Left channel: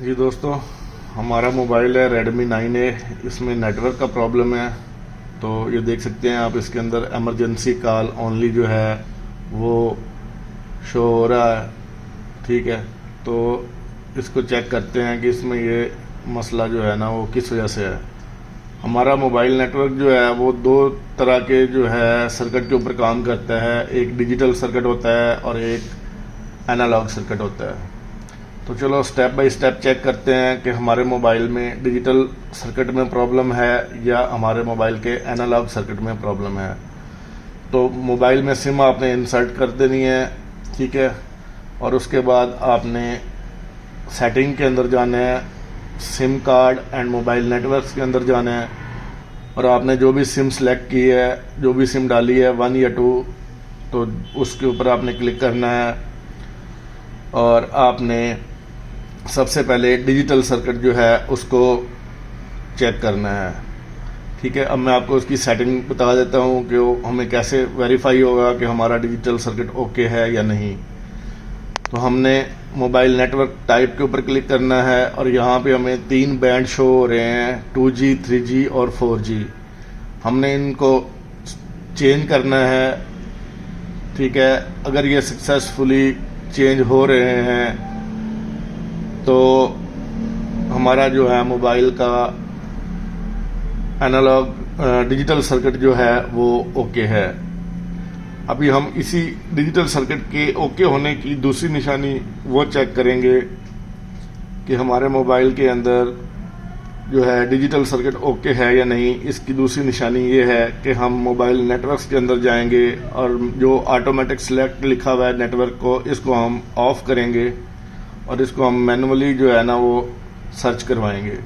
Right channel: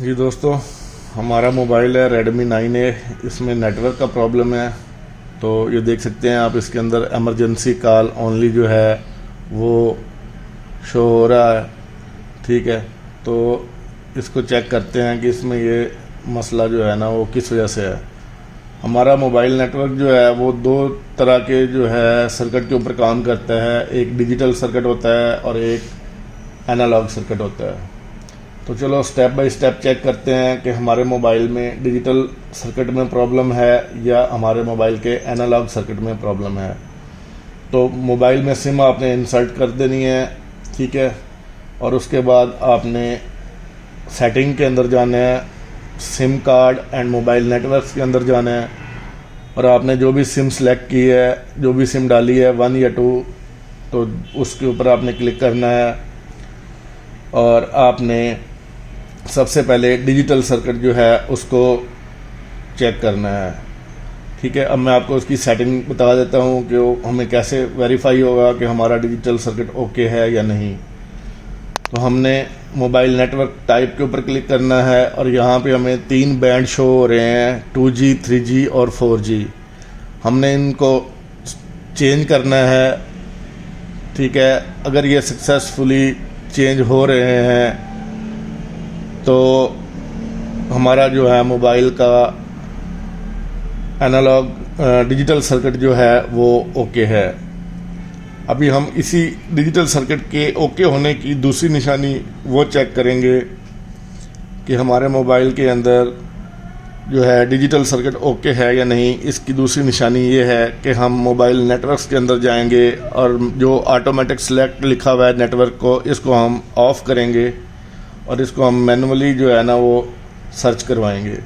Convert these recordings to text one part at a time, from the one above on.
जी दोस्तों, हमारा मोबाइल है Redmi 9A। इसमें नेटवर्क का प्रॉब्लम है। तो ये देख सकते हैं आप, इसके अंदर एमरजेंसी कॉल ओनली जो है वो शो हो रहा है। ठीक है, तो इसको चेक करते हैं कि इसमें ये मसला जो है ना वो किस वजह से है। हमारा मोबाइल नेटवर्क जो है वो दो तरह के जो है सर्किट के ऊपर काम करता है। एक डिजिटल सर्किट होता है और एक एनालॉग सर्किट होता है। तो चलो स्टेप बाय स्टेप चेक करते हैं कि हमारे मोबाइल में डिजिटल सर्किट में प्रॉब्लम है या हमारे मोबाइल के एनालॉग सर्किट में प्रॉब्लम है। तो मोबाइल में सिम आपने इंसर्ट कर देनी है, ठीक है। और उसके बाद आपने सेटिंग के अंदर जाना है, SIM card and mobile networks के अंदर जाना है, और आपने जो भी सिम सेलेक्ट की है, जो भी सिम डाली है 1 या 2, तो उसके ऊपर आपने क्लिक करना है। और आपने सबसे पहले डिजिटल सर्किट जो है उसको चेक करना है, ठीक है। अब मैं आपको उसकी सेटिंग बता देता हूँ कि वो हमें कैसे वेरीफाई होगा कि हमारा डिजिटल सर्किट ओके है या नहीं। तो हमने मोबाइल नेटवर्क टाइप के ऊपर क्लिक करना है और यहाँ पे हमें 3 बैंड शो हो रहे हैं, 2G, 3G और 4G। हमने इनको चेंज करना है, ठीक है। अगर ये सक्सेसफुली चेंज हो रहे हैं तो हमारा जो है मोबाइल का एनालॉग डिजिटल सर्किट जो है वो ओके है। अभी हम इसी डिजिटल सर्किट के ओके होने की दूसरी निशानी वो चेक करेंगे कि हमारे मोबाइल के अंदर जो है डिजिटल सर्किट ओके है या नहीं। इसकी दूसरी निशानी ये है कि हम मोबाइल नेटवर्क्स के अंदर जाएंगे और जो ऑटोमेटिक सेलेक्ट लिखा हुआ है नेटवर्क को, इसको हम ऑफ करेंगे और इसको हम मैनुअली जो है ना वो सर्च करवाएंगे।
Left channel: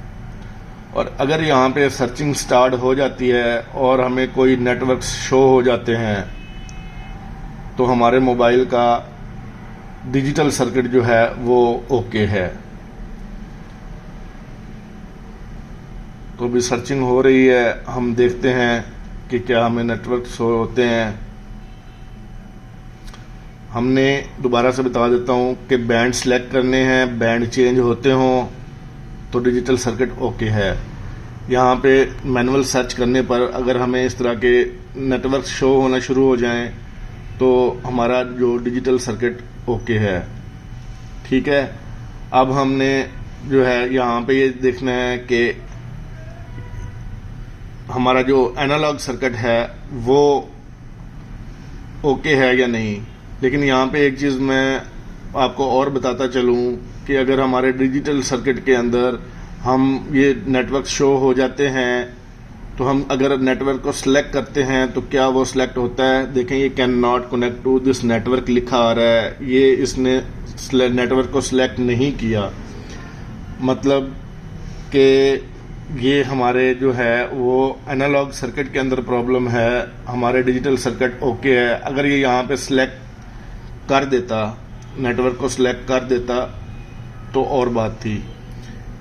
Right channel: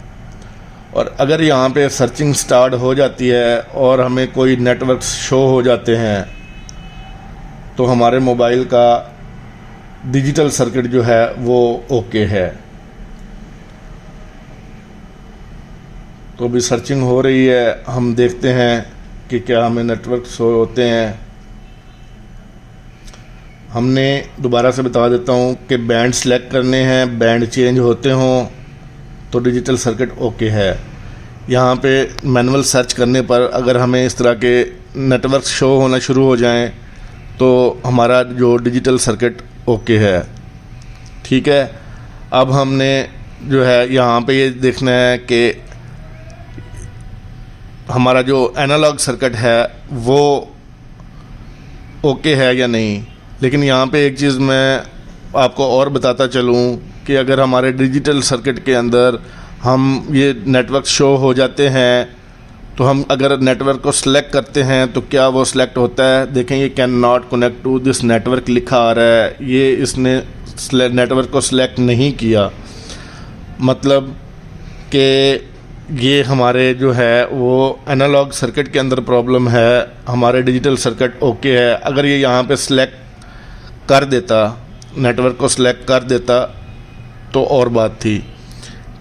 और अगर यहाँ पे सर्चिंग स्टार्ट हो जाती है और हमें कोई नेटवर्क शो हो जाते हैं तो हमारे मोबाइल का डिजिटल सर्किट जो है वो ओके है। तो अभी सर्चिंग हो रही है, हम देखते हैं कि क्या हमें नेटवर्क शो होते हैं। हमने दोबारा से बता देता हूँ कि बैंड सेलेक्ट करने हैं, बैंड चेंज होते हों तो डिजिटल सर्किट ओके है। यहाँ पे मैनुअल सर्च करने पर अगर हमें इस तरह के नेटवर्क शो होना शुरू हो जाएं तो हमारा जो डिजिटल सर्किट ओके है, ठीक है। अब हमने जो है यहाँ पे ये देखना है कि हमारा जो एनालॉग सर्किट है वो ओके है या नहीं। लेकिन यहाँ पे एक चीज़ मैं आपको और बताता चलूँ कि अगर हमारे डिजिटल सर्किट के अंदर हम ये नेटवर्क शो हो जाते हैं तो हम अगर नेटवर्क को सिलेक्ट करते हैं तो क्या वो सिलेक्ट होता है। देखें, ये can not connect to this network लिखा आ रहा है, ये इसने नेटवर्क को सिलेक्ट नहीं किया। मतलब कि ये हमारे जो है वो एनालॉग सर्किट के अंदर प्रॉब्लम है, हमारे डिजिटल सर्किट ओके है। अगर ये यहाँ पे सिलेक्ट कर देता, नेटवर्क को सिलेक्ट कर देता तो और बात थी,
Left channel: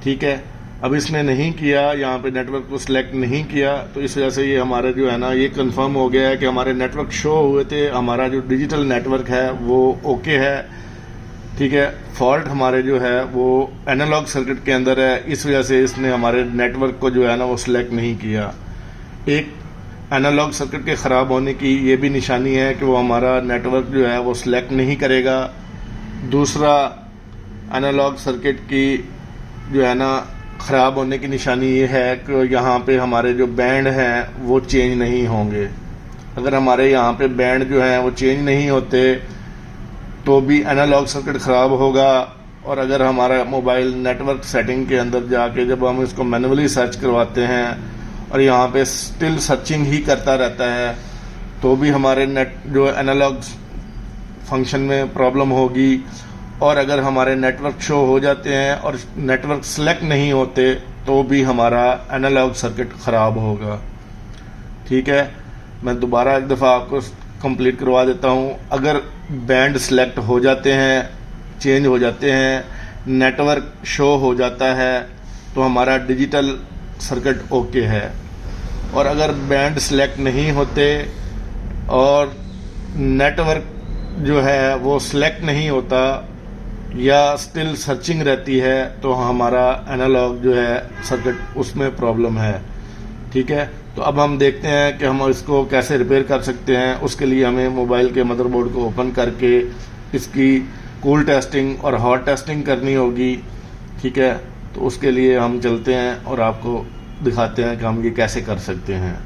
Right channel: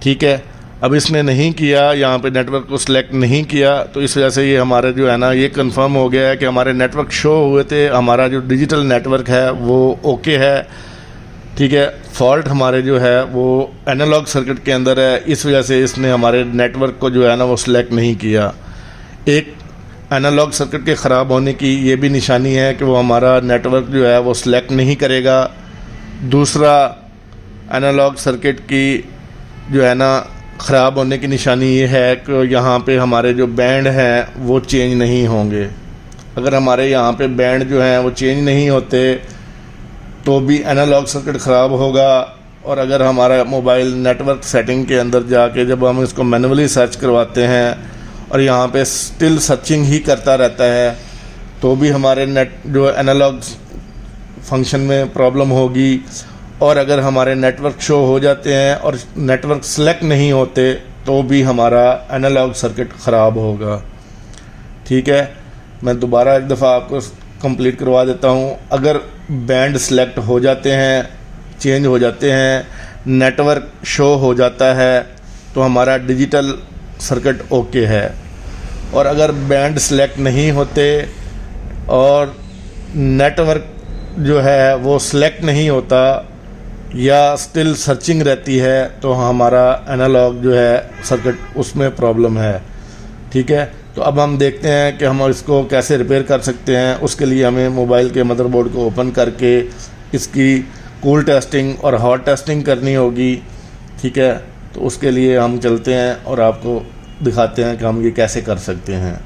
ठीक है। अब इसने नहीं किया, यहाँ पे नेटवर्क को सिलेक्ट नहीं किया, तो इस वजह से ये हमारे जो है ना ये कंफर्म हो गया है कि हमारे नेटवर्क शो हुए थे, हमारा जो डिजिटल नेटवर्क है वो ओके है, ठीक है। फॉल्ट हमारे जो है वो एनालॉग सर्किट के अंदर है, इस वजह से इसने हमारे नेटवर्क को जो है ना वो सिलेक्ट नहीं किया। एक एनालॉग सर्किट के ख़राब होने की ये भी निशानी है कि वो हमारा नेटवर्क जो है वो सिलेक्ट नहीं करेगा। दूसरा, एनालॉग सर्किट की जो है ना ख़राब होने की निशानी ये है कि यहाँ पे हमारे जो बैंड हैं वो चेंज नहीं होंगे। अगर हमारे यहाँ पे बैंड जो हैं वो चेंज नहीं होते तो भी एनालॉग सर्किट ख़राब होगा। और अगर हमारा मोबाइल नेटवर्क सेटिंग के अंदर जाके जब हम इसको मैनुअली सर्च करवाते हैं और यहाँ पे स्टिल सर्चिंग ही करता रहता है तो भी हमारे नेट जो एनालॉग फंक्शन में प्रॉब्लम होगी। और अगर हमारे नेटवर्क शो हो जाते हैं और नेटवर्क सेलेक्ट नहीं होते तो भी हमारा एनालॉग सर्किट ख़राब होगा, ठीक है। मैं दोबारा एक दफ़ा आपको कंप्लीट करवा देता हूँ। अगर बैंड सेलेक्ट हो जाते हैं, चेंज हो जाते हैं, नेटवर्क शो हो जाता है तो हमारा डिजिटल सर्किट ओके है। और अगर बैंड सेलेक्ट नहीं होते और नेटवर्क जो है वो सिलेक्ट नहीं होता या स्टिल सर्चिंग रहती है तो हमारा एनालॉग जो है सर्किट उसमें प्रॉब्लम है। ठीक है, तो अब हम देखते हैं कि हम इसको कैसे रिपेयर कर सकते हैं। उसके लिए हमें मोबाइल के मदरबोर्ड को ओपन करके इसकी कूल टेस्टिंग और हॉट टेस्टिंग करनी होगी। ठीक है, तो उसके लिए हम चलते हैं और आपको दिखाते हैं कि हम ये कैसे कर सकते हैं।